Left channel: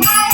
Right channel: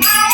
Bye.